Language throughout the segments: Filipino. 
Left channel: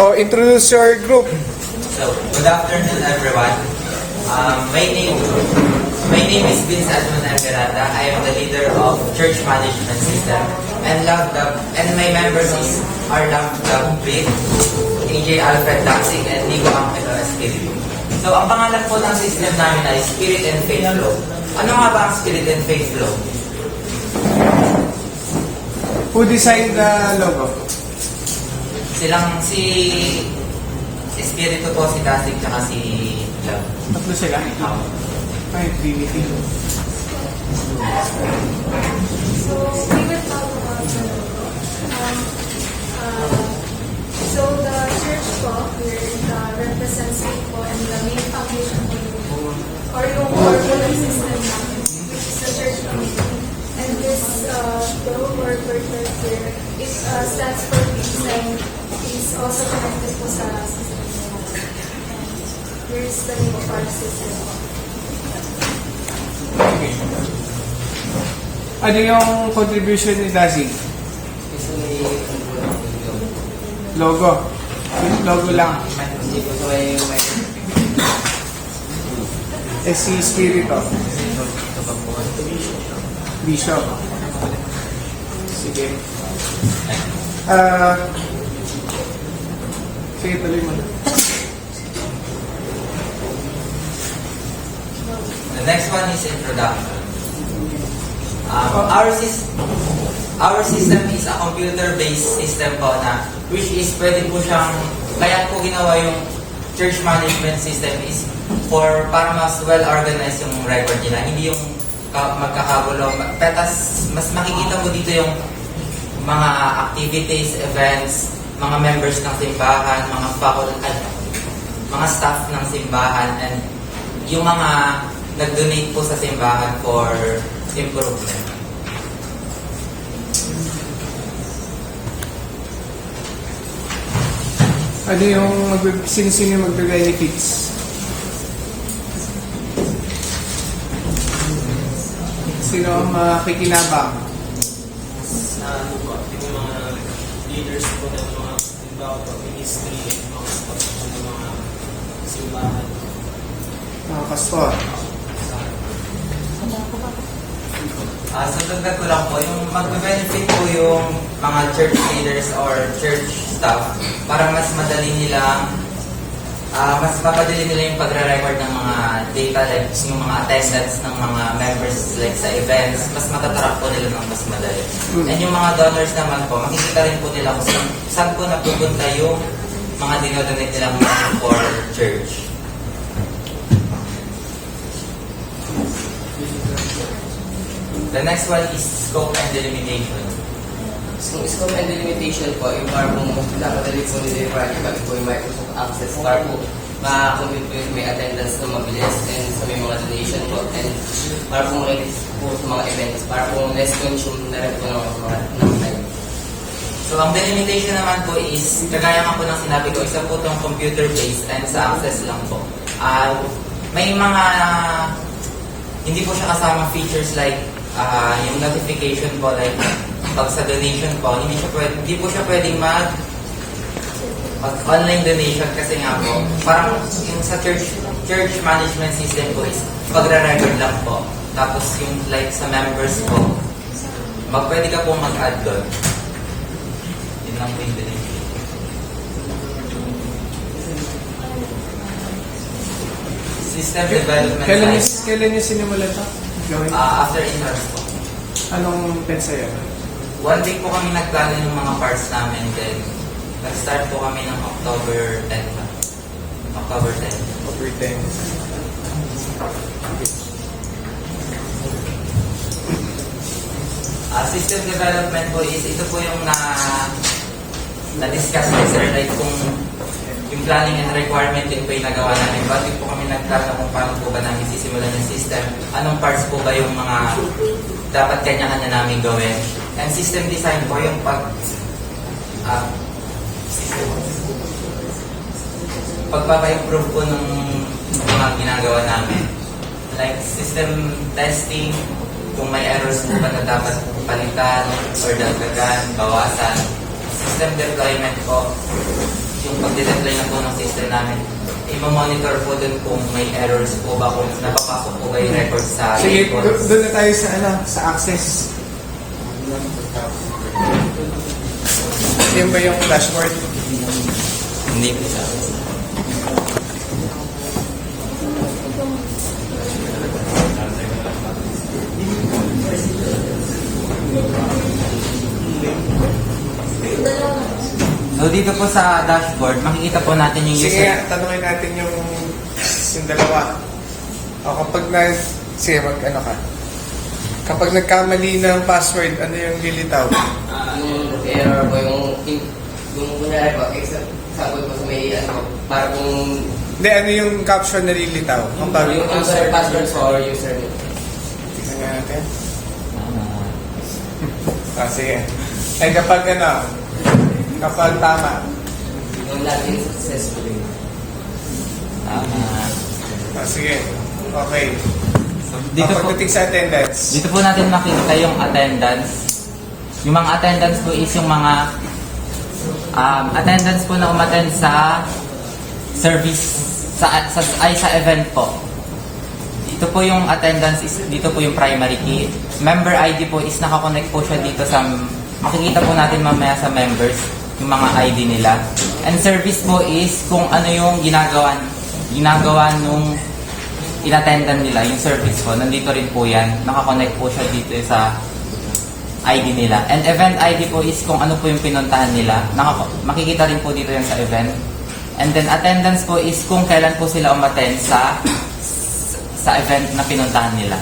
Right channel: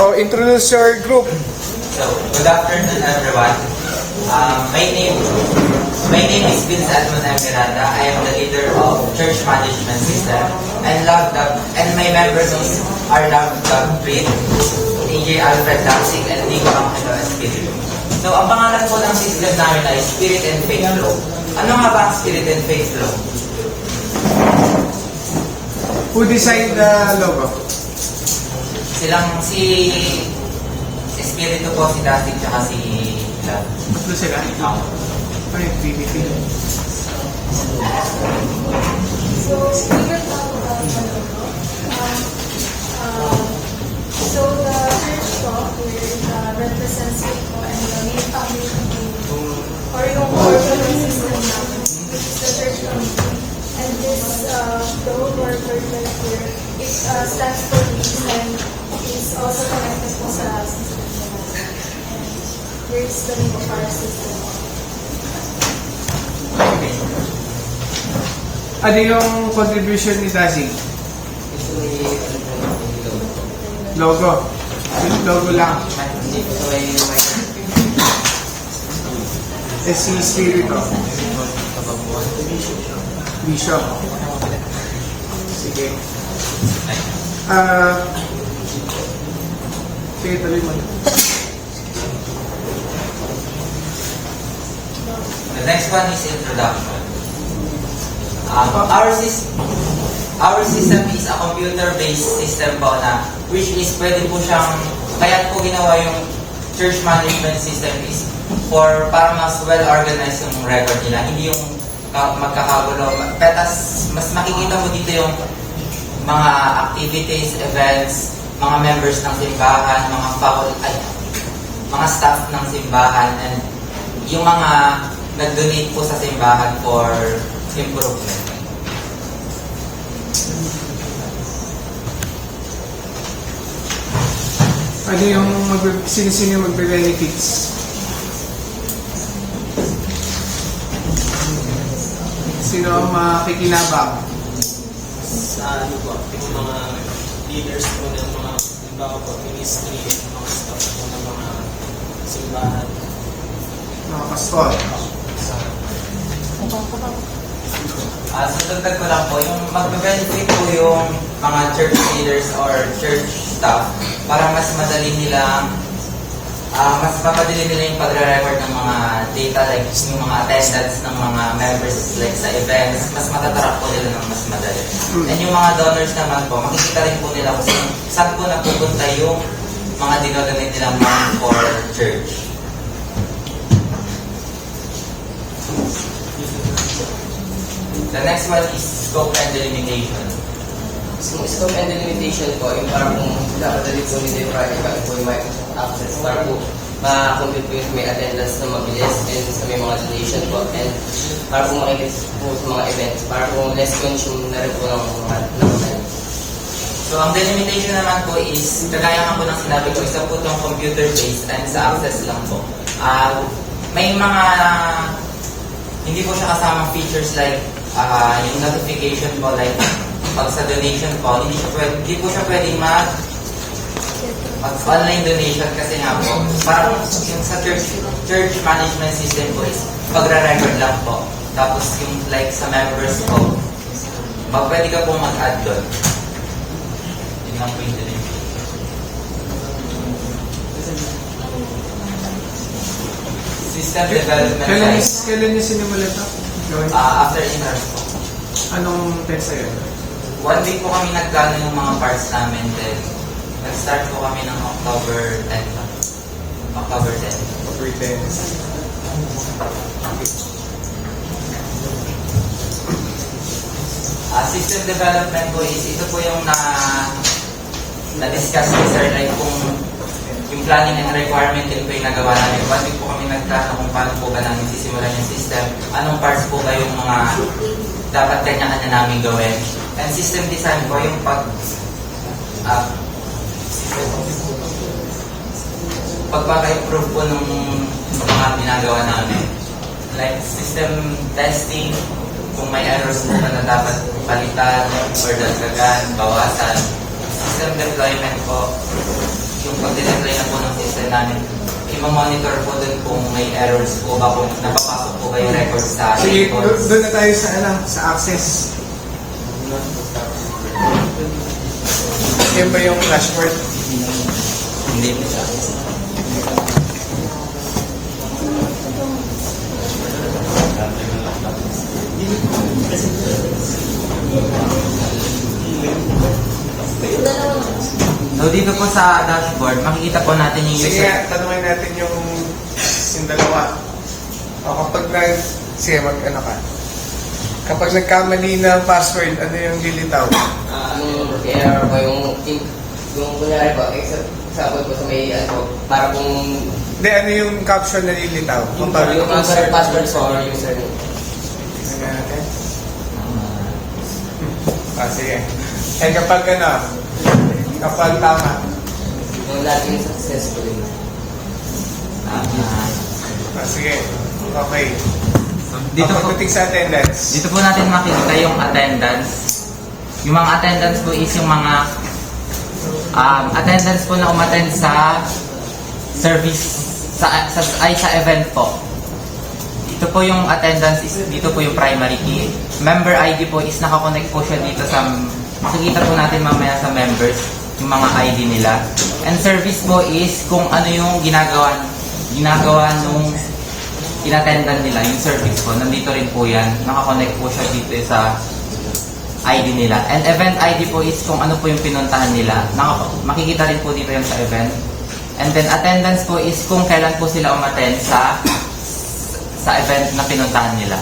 Oh, introduce your group. So, good afternoon everyone. My name is Vince Edmund Algarata. I am the leader of Church Management System and my members are Love Dog Breed, AJ Alfred Daxig, and Nico Angelo Espiritu. So, ang pangalan po ng system namin ay Spirit and Faith Flow. Ano nga ba ang Spirit and Faith Flow? Who designed the logo? Silang si Espiritu po, si Daxig, tsaka si Love. Tatlo sila? Ay, BBT. So, we will talk about the logo. So, the church po here represents it po and the main foundation or yung corporate system namin, which is the church community. And this logo or purple here, it stands for peace and is also connected po sa system nila. Here is the name of our system. Ano yung contribution ni Daxig? Logo. Yung logo lang. Hindi po sa way Si Spirito. Bishop. Sige. Sige, tuloy mo. The next one is introduction. Our system is a computer-based system po na which is pwede po siyang, kaya po ginawa yung church management system is for para mas well-organized yung record nila, hindi yung magkakagulo. Petas, mas makikita mo dito yung mga activities, events, mga members ng simbahan, mga staff ng simbahan, and yung mga nag-donate po sa simbahan for improvement. Ano yung sino magbigay ng kits? Sino ang makikinabang? Sa ano po, yung mga leaders po ng mga halimbawa po, ministry at mga staff po ng mga simbahan. Mga pastor. So dagdag ko lang po, yung mag-benefit po yung mga church leaders or church staff para mas madali nilang mas mapadali nila yung pagre-record ng mga data like yung mga attendance ng mga members like sa events, mas matatrack po nila ng mas madali. And yung mga donors naman po, makikita rin po nila kung saan po napupunta yung mga dinodonate nilang money for church. The next one is scope and delimitation. So, scope and delimitation po, yung para po napadali po nila yung project kami po yung Microsoft Access para po ma-compute po yung may attendance na mabilis and sa may mga donation po and para po makikita po sa mga events para po less consume na rin po ng time. So, ang delimitation naman po is, kagaya nga po lang sinabi ko, isa po itong computer-based and sa access lang po. May mga, hindi po siya kasamang features like yung notification po, like pag sa donation po, hindi po siya pwedeng online donation kasi nga po, parang yung sa church management system po is pagre-record lang po. Tapos yung like sa members po, pwede ka po mag-add doon. Yun lang po yung donation. System development Kailan niyo sinimulan ito? after entrance po. Anong pensa yan? 1 week po kami nagplano yung mga parts namin. Then, nag-start po kami ng October 10. October 10. Over 10. System development po is, ito po yung na-discuss ko sir, like kung yung planning and requirement din po yung nagawa namin. 1 week po kami nagplano kung paano po ba namin sisimulan yung system. Anong parts po ba yung mga dapat kanya-kanya namin gawin. And system design po yung pagpapa-improve po nung mga ginagawa namin. Like system testing, kung may errors po ba na dapat palitan or dagdagan, bawasan. System deployment po, yung pagdideploy na po ng system namin, i-monitor po doon kung may errors po ba, kung napapasok po ba yung records sa Sige, records. doon na tayo sa, sa access. Yan ba yung dashboard? Hindi po sa So dito po sa dashboard, makikita po natin yung Sige user. nga, tanungin natin yung dalawa. O kapag sige, ano ka? Kapag nagkamali ng password, ano yung lilitaw? Yung error po, yung kunyari po, example po sa may ano, para kung Hindi, ano yung caption na lilitaw? yung password po or username. Tingnan nga natin. Sige. And kapag kapag tama, Yung login successfully. sige. Okay. Dito po, Pagdating sa attendance, dito po natin makikita yung attendance. Yung mga attendance po is yung mga attendance po na umattend sa service, sa event po. Ito po yung attendance, is dito po yung primary key. Member ID po is nakakonect po siya dito sa, makikita po natin mamaya sa members, yung mga ID nila. And service po is kung ano yung ginagawa nung inattendan nila, yung service po, nandito rin po yan, nakakonect po siya dito sa ID nila. And event ID po is kung ano po yung pinuntahan nila, makikita rin po dito yan sa event. And then attendance po is kung kailan po sila umattend sa event na pinuntahan nila.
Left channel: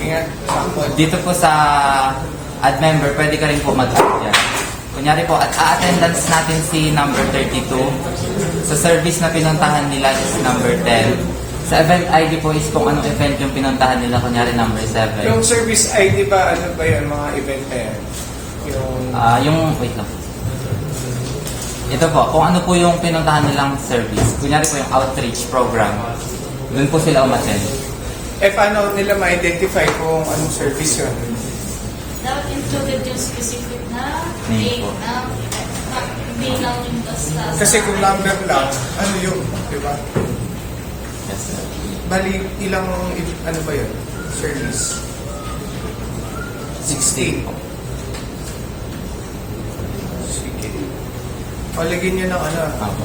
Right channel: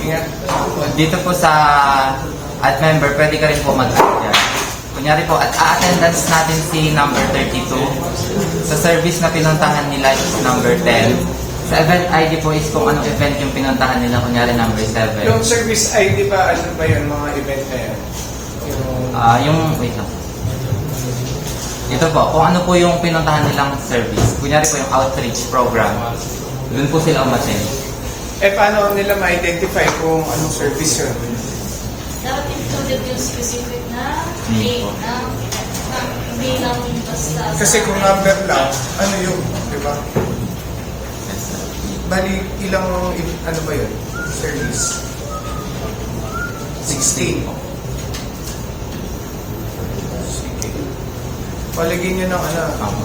ingat. Dito po sa add member, pwede ka rin po mag-add yan. Kunyari po, at attendance natin si number 32. Sa service na pinuntahan nila is number 10. Sa event ID po is kung anong event yung pinuntahan nila, kunyari number 7. Yung service ID ba, ano ba yan, mga event na yan? Wait lang. Ito po, kung ano po yung pinuntahan nilang service. Kunyari po yung outreach program. Doon po sila umattend. Paano nila ma-identify kung anong service yun? Dapat included yung specific na Name name po. na hindi lang yung basta. Kasi kung number lang, ano yun, di ba? Bali, ilang, ano ba yun? Service? 16. Sige. Palagyan nyo ng ano. Apo.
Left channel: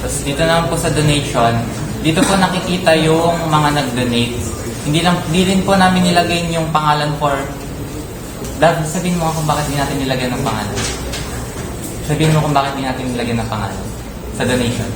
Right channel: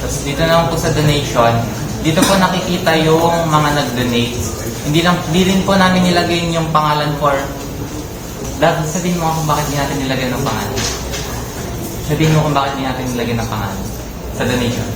Tapos dito naman po sa donation, dito po nakikita yung mga nag-donate. Hindi rin po namin nilagay yung pangalan for... Sabihin mo kung bakit hindi natin nilagay ng pangalan. Sabihin mo kung bakit hindi natin nilagay ng pangalan sa donation.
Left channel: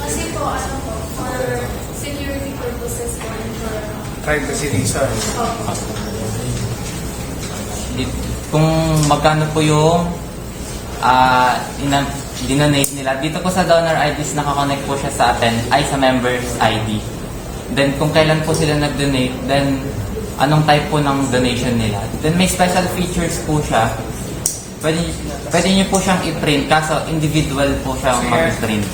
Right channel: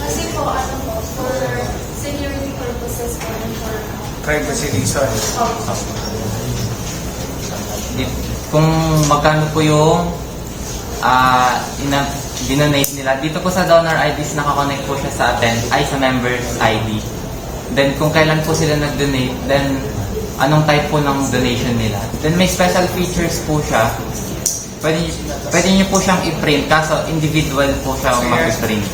Kasi po, ano po, for security purposes po and for Privacy reason. Kung magkano po yung dinonate nila. Dito po sa donor IDs, nakakonect po siya sa sa members ID. Then kung kailan po sila nag-donate, then anong type po ng donation nila. Then may special features po siya. Pwede niyo po siyang i-print, kaso individual po siya mag-print.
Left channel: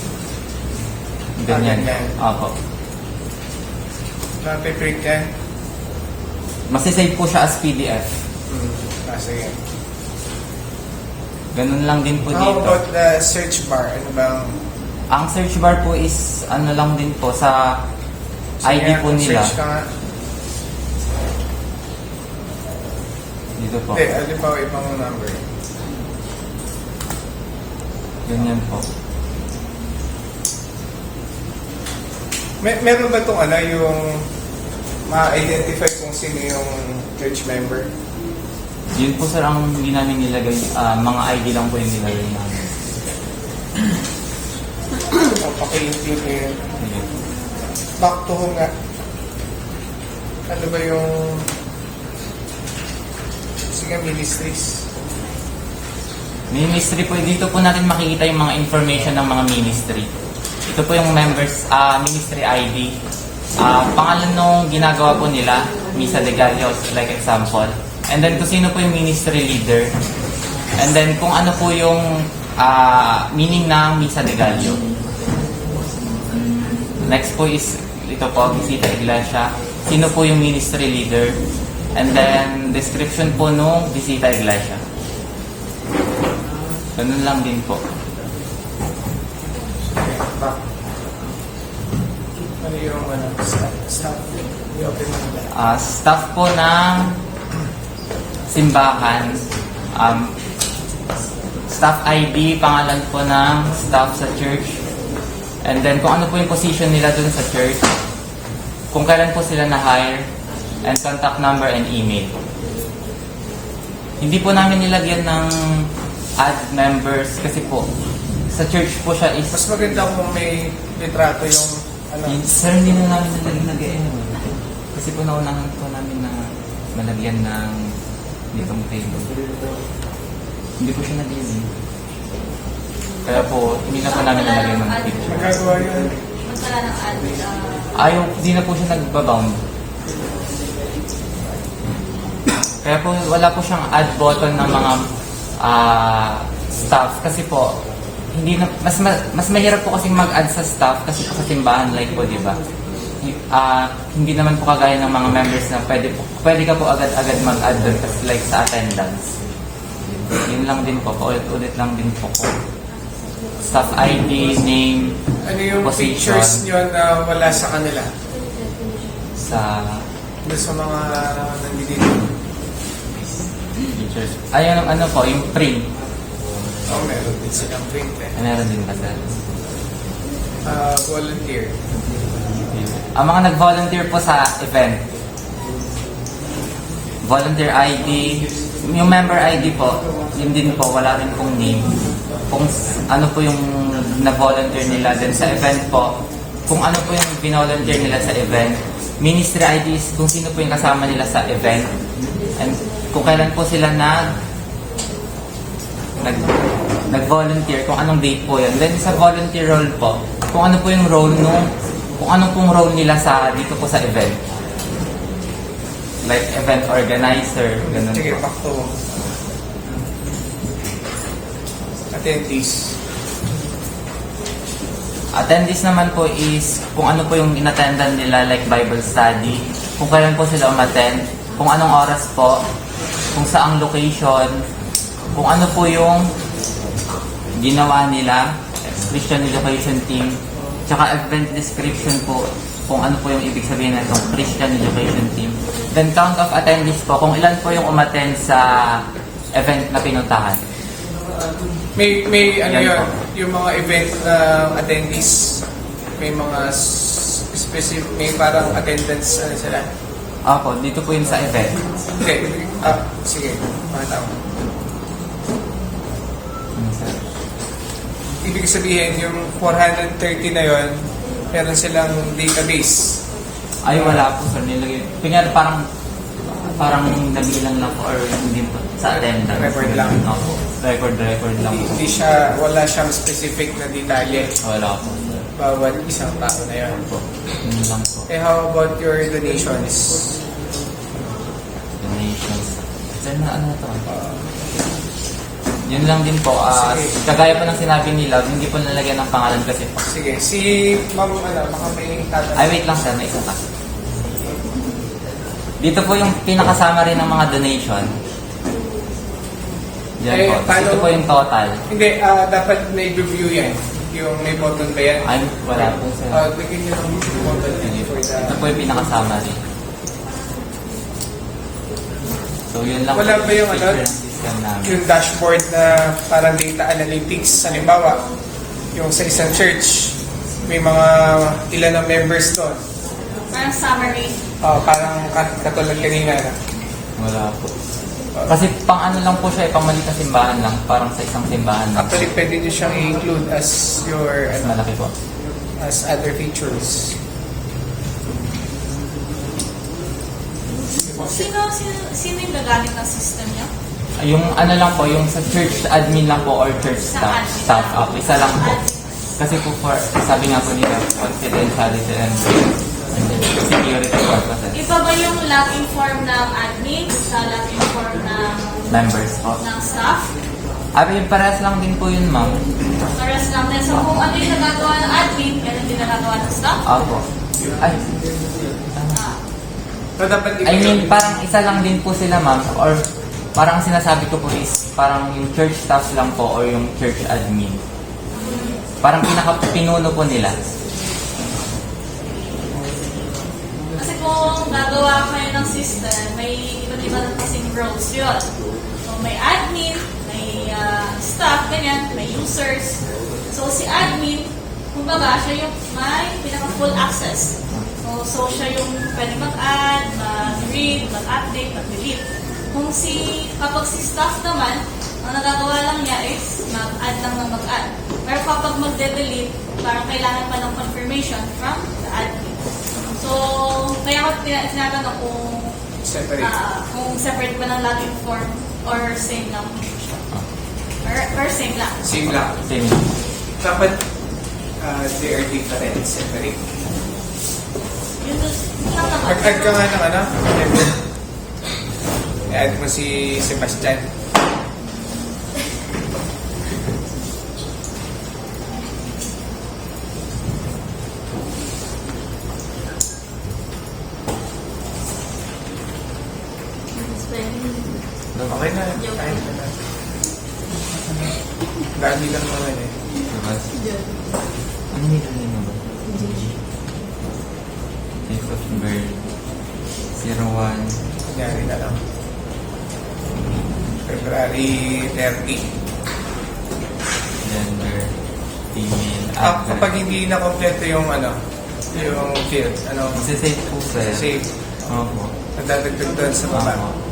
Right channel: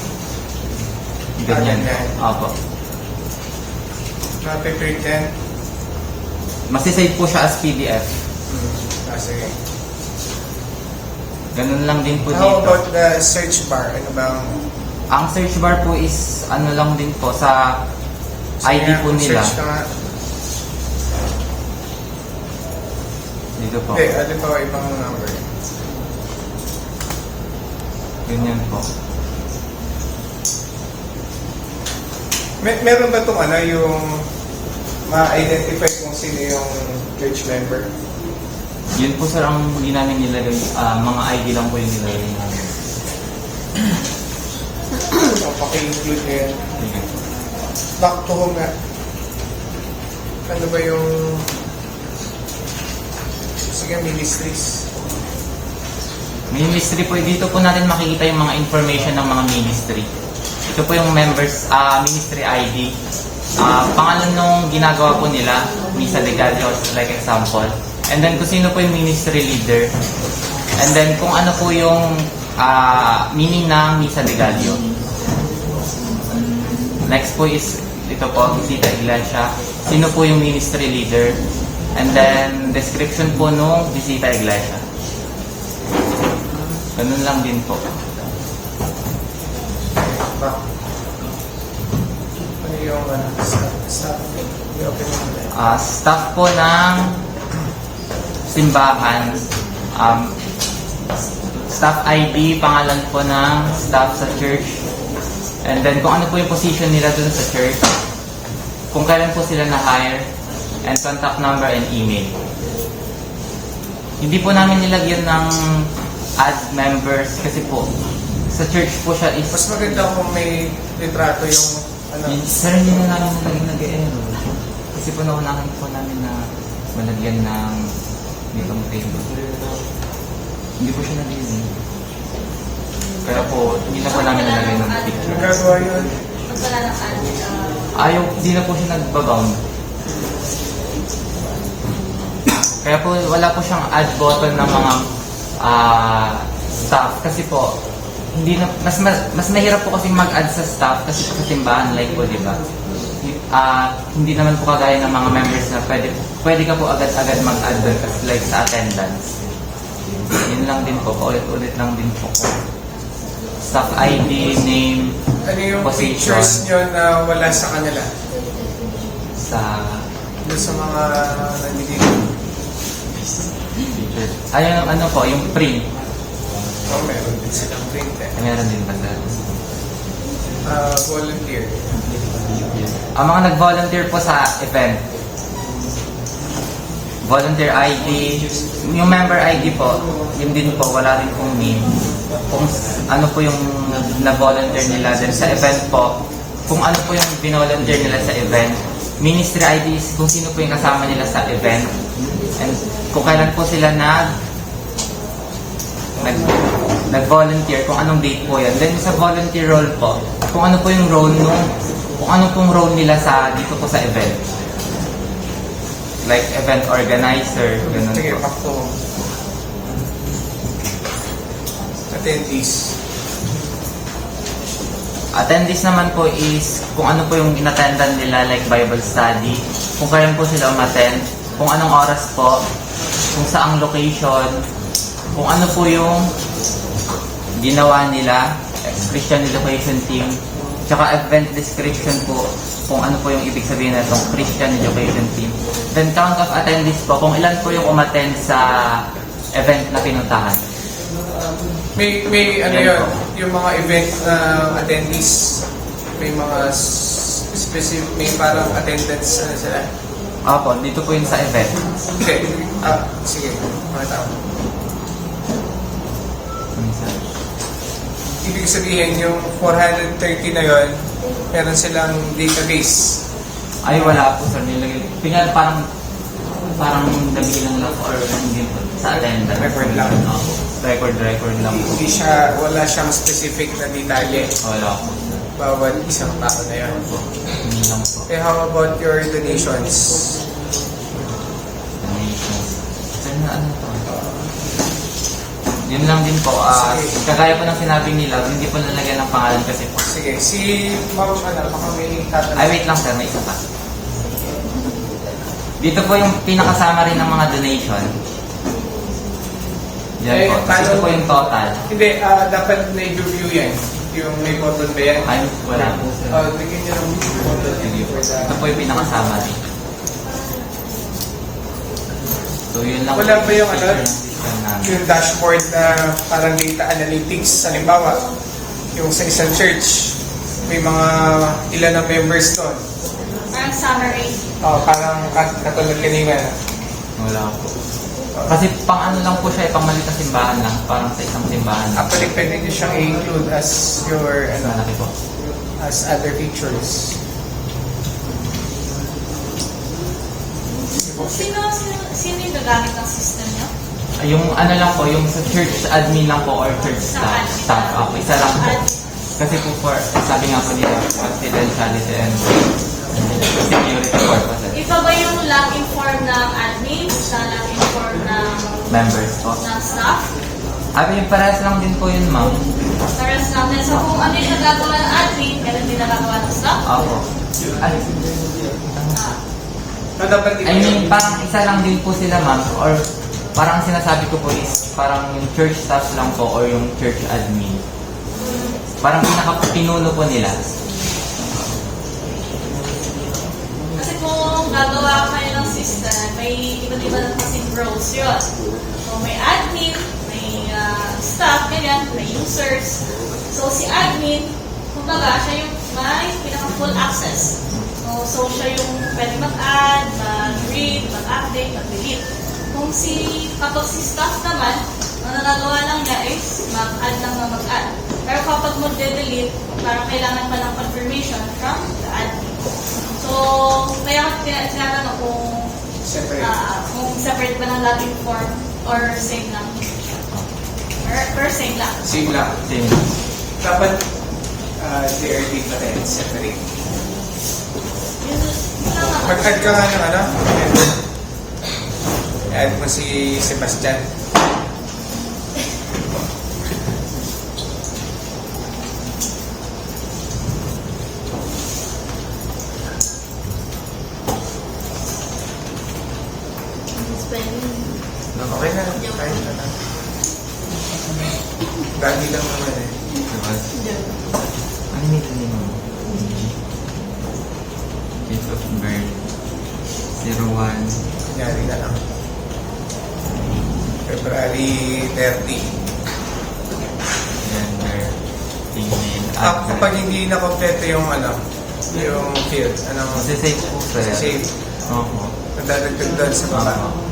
Ganyan. Opo. Mapiprint yan. Masisave po siya as PDF. Sige. Ganun lang din po How dito. about the search bar? Ano bang... Ang search bar po is ano lang din po sa ID po nila. Search ka nga. Dito po. Ano pa ibang number? Ganyan po. Meron ba itong ano, yung ma-identify kung sino yung church member? Yun po sir ang hindi namin nilagay. Mga ID lang po yung nilagay namin. Kung paki-include nyo yun. Ganyan. Back to home nga. Ano ba yung... Sige, ministries. Ministry po, dito po natin makikita yung mga information ng mga ministry. Ito po yung members, ministry ID. Pangalan nung ginagawa po nila, Misa de Gallo, like example. And then kung sino po yung ministry leader. And then kung ano po yung meaning ng Misa de Gallo. Next po is, ito po, Visita Iglesia. Sino po yung ministry leader. And then description po nung Visita Iglesia. Ganun lang din po. Ba? Ano yung sa Staff po ng simbahan, staff ID, pangalan po ng staff sa church, and then kung ano po yung position nila dun sa church, kung kailan po sila na-hire, and contact number and email. Hindi po namin nilagyan ng add members kasi po sa church po siya is mas maganda kung may litrato yung sir, hindi na namin nalagyan nag-e-error. Kasi po naunahan po namin na malagyan ng income table. Hindi po siya nag-e-error. Kaya po, hindi na po namin nalagyan ng picture. nagagawa yun. Magkala ng ad. Ayaw, hindi na po siya nagbabound. Kaya po, wala po siyang add button ng mga staff. Kasi po, hindi na, mas mahirap po kasi mag-add sa staff kasi po sa simbahan, like po, di ba? Hindi naman po kagaya ng mga members na pwede ka po agad-agad mag-add doon kasi like sa attendance. Yun lang din po, paulit-ulit lang din po po. Staff ID, name, Ano yung position, pictures nyo na wala sa kanila? sa Doon sa mga nandito. pictures. Ayun, ano po, yung print. Okay, silang print eh. Meron din ba sa Volunteer. ang mga nag-volunteer po sa event. Volunteer ID, yung member ID po, yun din po, wala rin pong name. Kung ano po yung nag-volunteer nila din sa event po, kung ano po yung binolunteer nila sa event, ministry ID is kung sino po yung kasama nila sa event, and kung kailan po sila nag-volunteer, kung anong date po yan. Then sa volunteer role po, kung ano po yung role kung ano pong role nila dito po sa event. Like event organizer, ganun Sige, po. back to attendees. Attendees naman po is kung ano po yung inattendan nila, like Bible study, kung kailan po sila umattend, kung anong oras po, kung saang location, kung ano po yung ginawa nila, Christian Education Team, tsaka event description po, kung ano po yung ibig sabihin na itong Christian Education Team. Then count of attendees po, kung ilan po yung umattend sa event na pinuntahan. May ano yun, yung mga event na attendees, may mga specific, may parang attendance ano sila. Opo, dito po yung sa event. Hindi, sige, tama. Ibig sabihin, yung 430 na yon, meron silang database. Ay, wala po sir. Kunyari parang nabilang lang po or hindi po sa attendance. Record lang. Opo. Record lang po. Wala siyang specific na detalye Wala po sir. bawat isang tao na yun. Opo. Hindi lang po. Eh, how about your donations? Donations. Sir, na ano to? Yun lang din po. Kagaya po ng sinabi nila, hindi po nalagyan ng pangalan kasi po. Sige, si Ma'am, baka may tatanong. Ay, wait lang sir, may isa pa. Dito po yung pinakasama rin ng mga donation. Yan Eh, po. paano- Ito po yung total. Hindi, dapat may review yan. Yung may button ba yan? Ay, wala po sir. Bigyan nyo ng button for the... Ito po yung pinakasama rin. So yun lang. Wala ba yung picture ano? ng system namin. Yung dashboard na parang data analytics. Halimbawa, yung sa isang church, may mga ilan ng members doon. Parang summary. Parang katulad kanina. Wala po. Kasi pang ano lang po siya, pang maliit na simbahan lang. Parang sa isang simbahan lang. Actually, pwede nyo siyang i-include as your, Mas malaki po. as other features. Sino yung gagamit ng system niyo? Yung ano lang po, yung sa church admin lang po or church staff up. Isa lang po. Kasi po for, sabi nga po nila, confidentiality and security purposes. Ikaw ba yung login form ng admin? Sa login form ng Members po. staff? Ay, parehas lang din po yun, ma'am. Pares lang din. So kung ano yung nagagawa ng admin, ganun din nagagawa ng staff? Opo. Ay, So, dapat I mean, parang isa lang din po sila, ma'am. Or parang sinasabi ko po is parang yung church staff lang po or yung church admin. Parang pinaka-pinuno po nila. Kasi kung gagawa kayo ng system, may iba't iba na kasing roles yun. So, may admin, may staff, ganyan, may users. So, si admin, kumbaga, siya yung may pinaka-full access. So, siya yung pwede mag-add, mag-read, mag-update, mag-delete. Kapag si staff naman, ang nagagawa lang niya is mag-add lang na mag-add. Pero kapag magde-delete, parang kailangan pa ng confirmation from the admin. So, kaya ko tinatanong Separate. kung separate ba ng Latin form or same lang. Or same lang. Same lang. Same. Dapat JRD na rin, separate. Yun lang ako. Mag-add ka nga ng ano? I-add mo si Sebastian. Okay na. Ayun na lang. Bali lang naman eh. Ano nila nyo naman? Date of birth. 01. Kunyari na lang. February 30. Gender. Female. Kapag hindi na kompleto yung yung field, Masisave po sir. save, Opo. madadagdag doon sa baba. Opo.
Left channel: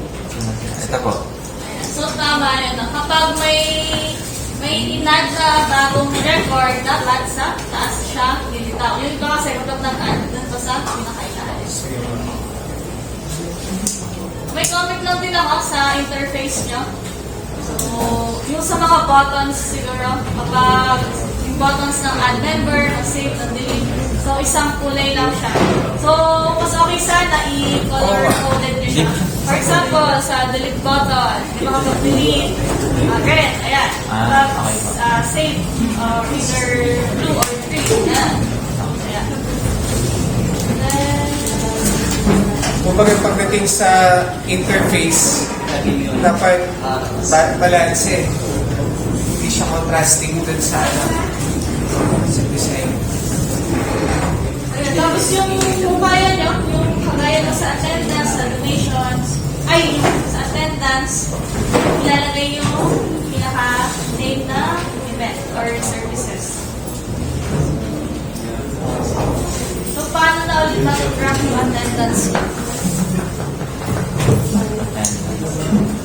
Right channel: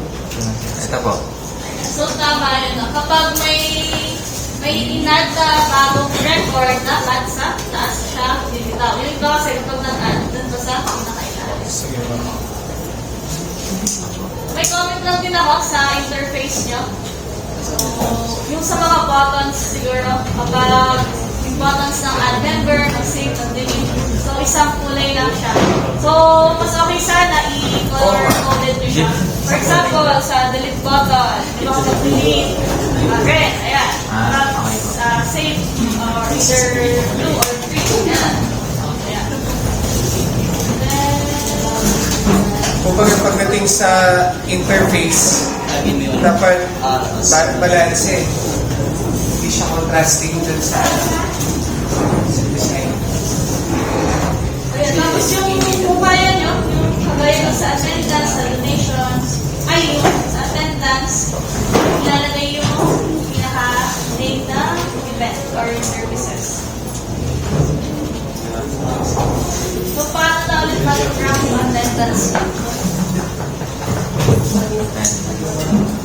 Ito po. So, tama yun. Kapag may inad na bagong record, dapat sa taas siya lilitaw. Yun ba kasi huwag nag-add dun ba sa pinakailalim. So, yun. May comment lang din ako sa interface niyo. So, yung sa mga buttons siguro, kapag yung buttons ng add member, ng save, ng delete. So, isang kulay lang siya. So, mas okay sana i-color coded nyo siya. For example, sa delete button, hindi ko mag-delete, red, ayan. Tapos, save, or either 2 or 3, ayan. Ayan. Then, Kumbaga pagdating sa interface, dapat balance eh. Hindi siya contrasting dun sa design. ayan. Tapos yung kumaya nyo, yung kagaya ng sa attendance, sa donations, sa attendance, ilalagay yung pinaka-name na event or services. So, paano na ulit mag-program yung attendance?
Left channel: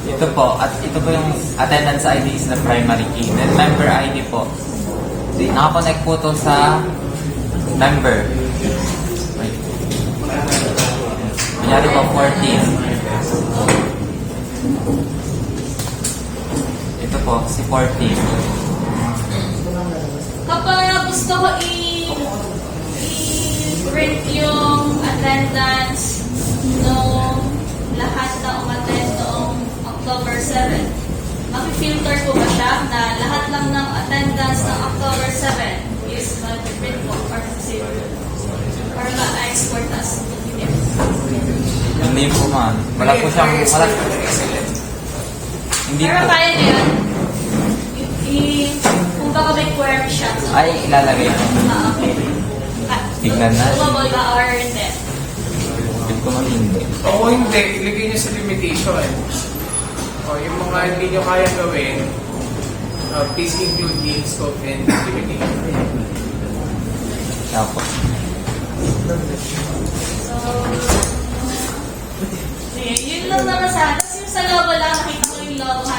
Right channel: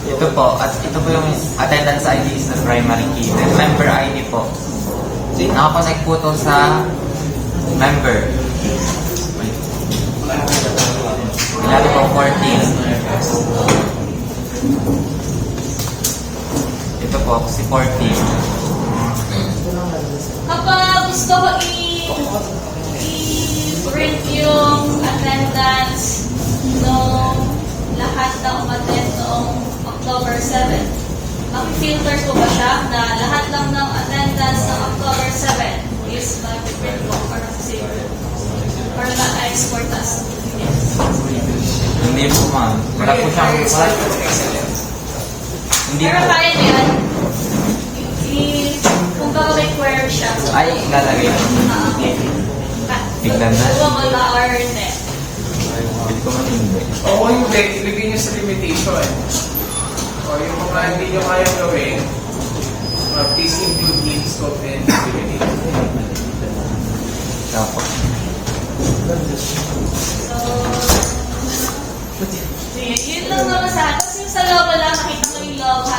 Ito po, at ito po yung attendance ID is not primary key. Then member ID po. Nakakonect po to sa member. Ilali po 14. Ito po, si 14. Kapag gusto ko i-print yung attendance nung lahat na umattend noong October 7, filter ko ba siya na lahat lang ng attendance ng October 7 is mag-print ko or ma-export as Hindi po ma'am. Wala po siyang, hindi pero po. kaya na yan. Kung baka may query siya. Ay, ilalagay. Tignan na. Doable ba or hindi? Hindi ko mo hindi. O kung hindi, ilagay niyo sa limitation. O yung mga hindi nyo kaya gawin, please include the scope and limitation. Tapos. Sige, yun lang naman sa akin. Kasi yung sa logo lang, nakita ko yung logo.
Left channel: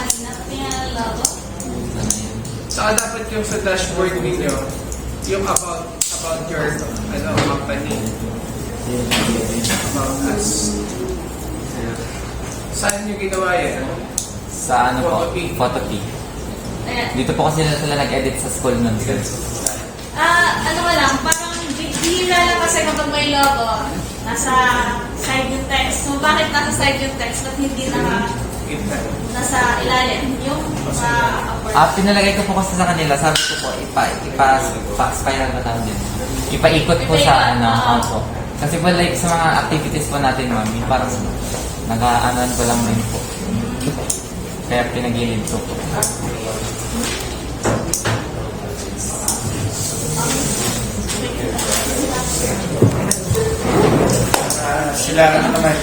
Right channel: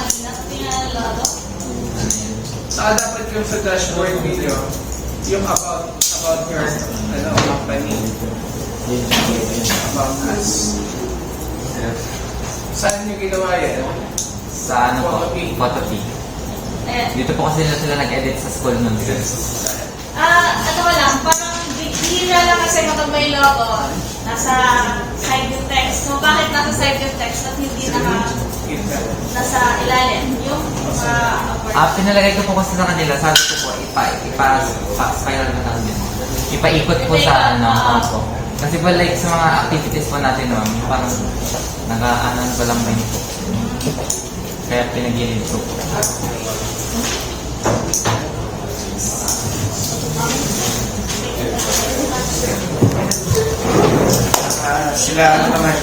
Tingnan ang logo. Saka dapat yung sa dashboard video, yung about your company. About us. Saan nyo ginawa yan? Sa ano po? Photopea. Photopea. Ayan. Dito po kasi sila nag-edit sa school nun. Ano ba lang, parang bihira lang kasi kapag may logo, nasa side yung text. So, bakit nasa side yung text at hindi nasa ilalim? Yung Pinalagay ko po kasi sa kanila, sabi ko po, ipa-spiral na namin din. Ipaikot po sa ano, po. Kasi po like sa mga activities po natin, ma'am, yung parang nag-aanan ko lang din po. Kaya pinaginid ko po. Sila ano naman,